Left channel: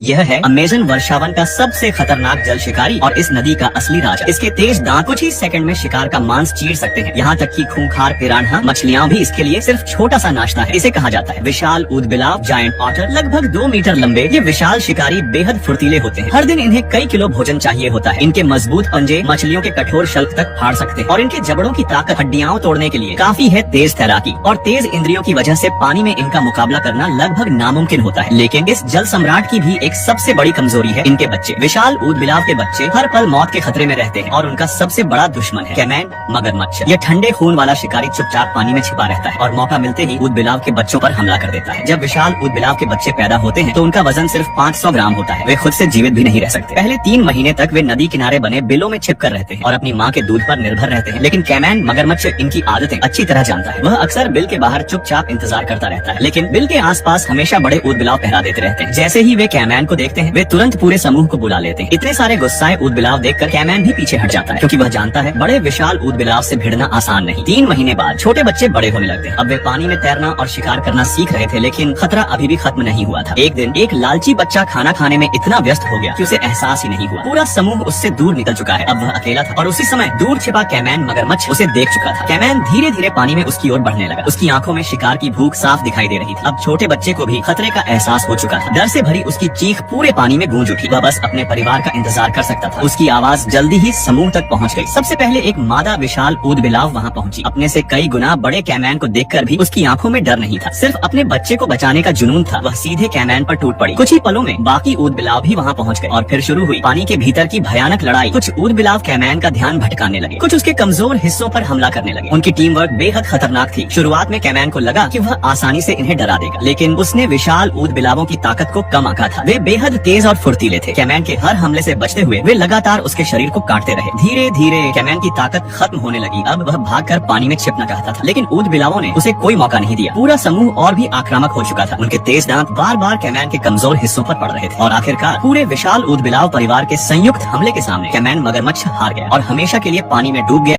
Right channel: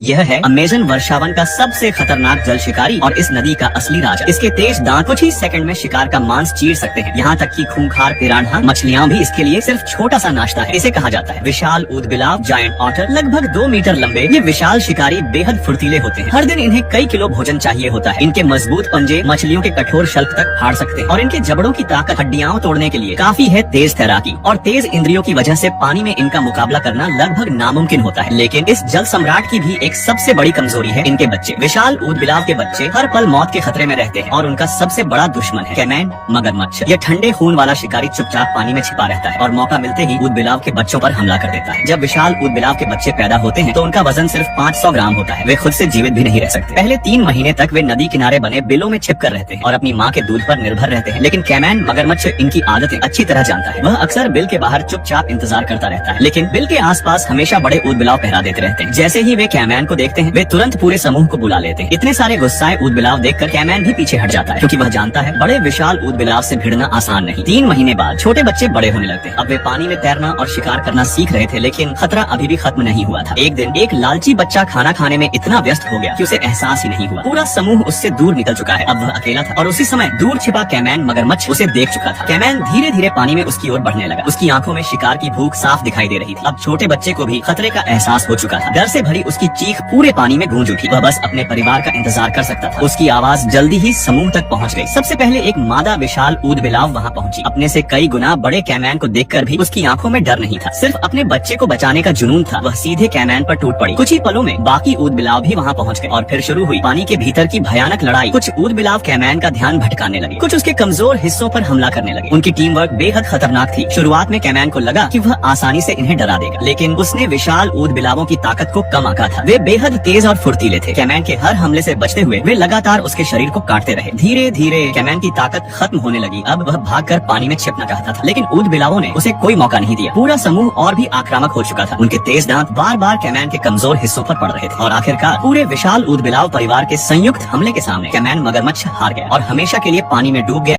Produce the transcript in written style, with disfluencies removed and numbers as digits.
यह है अमेज़न वर्षावन का सबसे खतरनाक जल शिकारी और इस नदी का असली राजा। इसके तेज दांत कुछ ही सेकंड में शिकार का मांस चीर सकते हैं। यहाँ तक कि खूंखार पिरान्हा मछलियाँ भी इसके लिए सिर्फ छोटा सा नाश्ता है। इसे कहा जाता है विशाल ऊदबिलाव, जायंट ऑटर। लगभग 2 मीटर लंबे ये विशाल शिकारी बेहद फुर्तीले होते हैं। हर दिन इन्हें कई किलो भोजन चाहिए होता है। इनके मजबूत पंजे मछलियों के कठोर शल्क तक फाड़ सकते हैं और इनके जबड़ों की ताकत हड्डियां तोड़ने के लिए काफी है। तेज तैराकी और तेज इंद्रियों की वजह से पानी में इनका मुकाबला करना लगभग नामुमकिन होता है। लेकिन इस जल सम्राट की भी एक सबसे बड़ी कमजोरी है इनके बच्चे। विशाल ऊदबिलाव के बच्चे हर पल मौत के खतरे में रहते हैं और उनका सबसे बड़ा दुश्मन है कैमैन मगरमच्छ। ये ठंडे खून वाला शिकारी चुपचाप पानी में छिपा रहता है और मौका मिलते ही ऊदबिलाव के बच्चों पर हमला कर देता है। जब विशाल ऊदबिलाव के बच्चे पैदा होते हैं तो उनका वजन सिर्फ 500 ग्राम होता है। वे खुद से जीवित भी नहीं रह सकते। पहले 3 महीने तक वे नदी किनारे बने बिलों में छिप कर रहते हैं और अपनी माँ के दूध पर निर्भर रहते हैं। लेकिन कैमैन मगरमच्छ इनकी आदतें अच्छी तरह जानता है। वह अक्सर बिल के बाहर चुपचाप इंतजार करता रहता है, लेकिन बिल के आसपास हमेशा बड़े ऊदबिलाव पहरा देते रहते हैं। जैसे ही वे कैमैन को देखते हैं वे तुरंत पूरे समूह को बुला लेते हैं। इतने सारे गुस्साए ऊदबिलाव देखकर कैमैन भी पीछे हट जाता है, क्योंकि वह जानता है बड़े विशाल ऊदबिलाव से भिड़ना आसान नहीं। 3 महीने बाद छोटे बच्चे बड़े होने लगते हैं। अब वे पानी में तैरना और शिकार करना सीख रहे थे, लेकिन खतरा अभी भी खत्म नहीं हुआ था। एक दिन एक लालची बच्चा खाना खाने में इतना व्यस्त हो गया कि उसे एहसास ही नहीं हुआ। पूरा समूह उससे दूर निकल चुका है। अब वह अकेला था और उसी समय दूर छिपा कैमैन मगरमच्छ उसे देख चुका था। कैमैन धीरे धीरे पानी में उसकी ओर बढ़ने लगा। उसकी आंखों में शिकार की भूख साफ दिखाई दे रही थी। अब छोटे बच्चे को भी खतरे का एहसास हो चुका था। डर से भरी उसकी चीख पूरे पानी में गूंज उठी। वह बस अपने परिवार का इंतजार कर सकता था। उसकी आवाज जल्दी ही समूह तक पहुंच गई। सबसे पहले एक मादा विशाल ऊदबिलाव वहां पहुंची। अपने से कई गुना बड़े कैमैन को देखकर भी उसकी आंखों में डर नहीं था, सिर्फ अपने बच्चे को बचाने का जुनून था। वह सीधे कैमैन पर टूट पड़ी। कुछ ही पलों में बाकी ऊदबिलाव भी वहां पहुंच गए और फिर शुरू हुई पानी के भीतर की भयानक लड़ाई। कुछ ऊदबिलाव कैमैन का ध्यान भटकाने लगे, कुछ उसके कमजोर हिस्सों पर हमला करने लगे। उनकी टीम वर्क बेहद खतरनाक थी। शुरुआत में कैमैन को लगा कि वह आसानी से इन्हें डरा देगा, लेकिन उसने विशाल ऊदबिलावों की ताकत को कम आंका था। वे बेहद तेज और फुर्तीले थे। कैमैन के हर हमले से बचते हुए वे लगातार उसके शरीर को काटते रहे। धीरे धीरे कैमैन की ताकत खत्म होने लगी। अब वह भागकर पानी में छिपना चाहता था, लेकिन ऊदबिलावों ने उसे कोई मौका नहीं दिया। पूरा समूह और भी आक्रामक हो चुका था। उनके तेज दांत बार बार कैमैन के कमजोर हिस्सों पर पड़ रहे थे और आखिरकार पूरे विशाल ऊदबिलाव परिवार के संयुक्त हमले के सामने कैमैन मगरमच्छ हार गया और हमेशा के लिए पानी में डूब गया।